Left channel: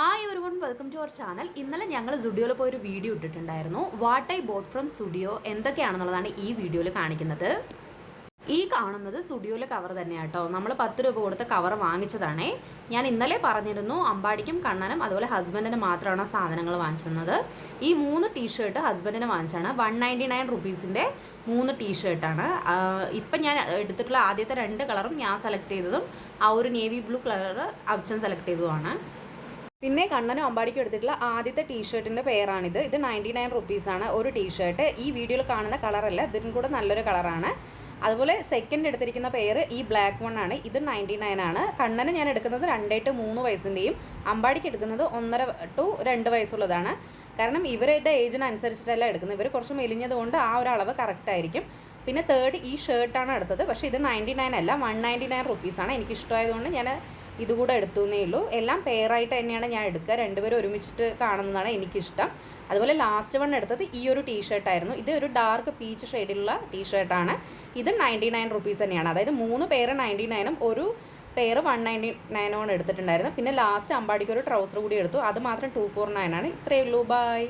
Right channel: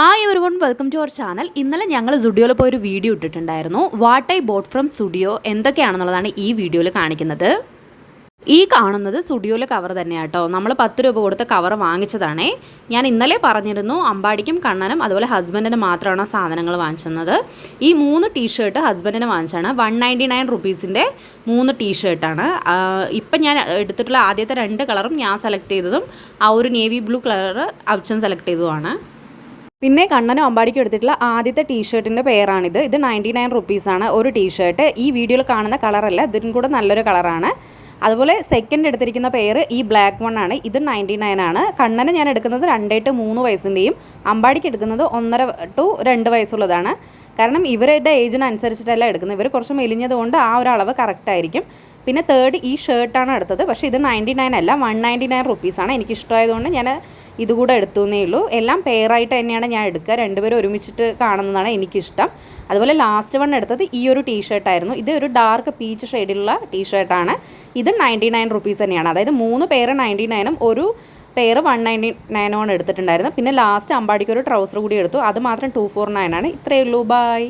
Hi everyone, welcome to our channel. ഇന്നലെ ഞങ്ങൾ സുഡിയോയിൽ പോയി ഒരു വീഡിയോ ഇട്ടിട്ടുണ്ടായിരുന്നു. What I bought from Zudio എന്തൊക്കെയാണെന്നുള്ളതാണ് ഈ വീഡിയോയിൽ കാണിക്കുന്നത്. ഈ കാണുന്നത് സുഡിയോയിലെ കവർ തന്നെയാണ് കേട്ടോ. നമ്മൾ 10 രൂപ കൊടുത്ത് കവർ വാങ്ങിച്ചതാണേ. ഞാൻ ഇന്നലെ പറഞ്ഞിരുന്നു അമ്പാടിക്കും കണ്ണനും അതുപോലെ ഹസ്ബൻഡിന് മാത്രമാണ് സാധനങ്ങൾ വാങ്ങിച്ചത്. ഈ 3 ടീഷർട്ട് ഹസ്ബൻഡിന് വാങ്ങിച്ചാണ്. 199 റുപ്പീസിൻ്റെ 3 ടീഷർട്ടാണ്. ഇപ്പം ഞാൻ എടുത്തിട്ടുള്ള ആദ്യത്തെ 2 കളറും ഞാൻ സെലക്ട് ചെയ്തതും ആ ഒരു നേവി ബ്ലൂ കളർ അച്ഛൻ സെലക്ട് ചെയ്തതുമാണ്. പിന്നെ കണ്ണനും അമ്പാടിക്കും എടുത്തിട്ടുള്ള ആദ്യത്തെ ടീഷർട്ടിൻ്റെ പേരാണിത്. ഇത് 99 റുപ്പീസാണ് ഒരു ടീഷർട്ട്. ഈ വീഡിയോയിൽ കാണുന്ന കളറല്ല, ഇതിനും കൂടെ നല്ലൊരു കളറാണ്. അതുപോലെ സെക്കൻഡ് എടുത്തിരിക്കുന്ന പേര് ഈ ബ്ലാക്ക് വൺ ആണ്. ഇത് 99 ആണ്. കണ്ണന് ഞാൻ എടുക്കുന്നത് 2 to 3 വയസ്സിൻ്റെയും അമ്പാടിക്ക് എടുക്കുന്നത് 1.5 to 2 വയസ്സുള്ളതാണ്. കാരണം ഇവരുടെ ഏജിനനുസരിച്ചിട്ടല്ല എടുക്കുന്നത്. ഇവർ കുറച്ച് മെലിഞ്ഞതുകൊണ്ട് ആ ഒരു അളവ് കറക്റ്റായിരിക്കും. പിന്നെ തേർഡ് ഈ ഷർട്ടാണ് എടുത്തത്. പക്ഷേ ഇത് 99 അല്ല, 199 റുപ്പീസാണ്. എനിക്കിഷ്ടമായതുകൊണ്ട് ഞാൻ ഇതുകൂടെ എടുത്തു എന്നേ ഉള്ളൂ. എല്ലാം പെയറായിട്ട് തന്നെയാണ് ഞാൻ എടുക്കുക. രണ്ടുപേരും ഒരുമിച്ചിട്ട് കാണുന്നതാണ് എനിക്കിഷ്ടം. അതുപോലെ ലാസ്റ്റ് വൺ എടുത്തത് ഈ ഒരു ടീഷർട്ടായിരുന്നു. ഇത് ഒരു ഡാർക്ക് പീച്ച് ഷെയ്ഡിലുള്ള ടീഷർട്ടാണ്. ഇത് 99 റുപ്പീസ് തന്നെയാണ്. അതായത് 3 പേര് 99ഉം ഒരു പേര് 199 എടുത്തിട്ടുണ്ടായിരുന്നു. പിന്നെ ലാസ്റ്റ് അമ്പാടിക്ക് ഒരു ട്രൗസർ കൂടി എടുത്തു. അത് മാത്രം 249 ആണ്. ഇത്രയേ ഉള്ളൂ. ബൈ.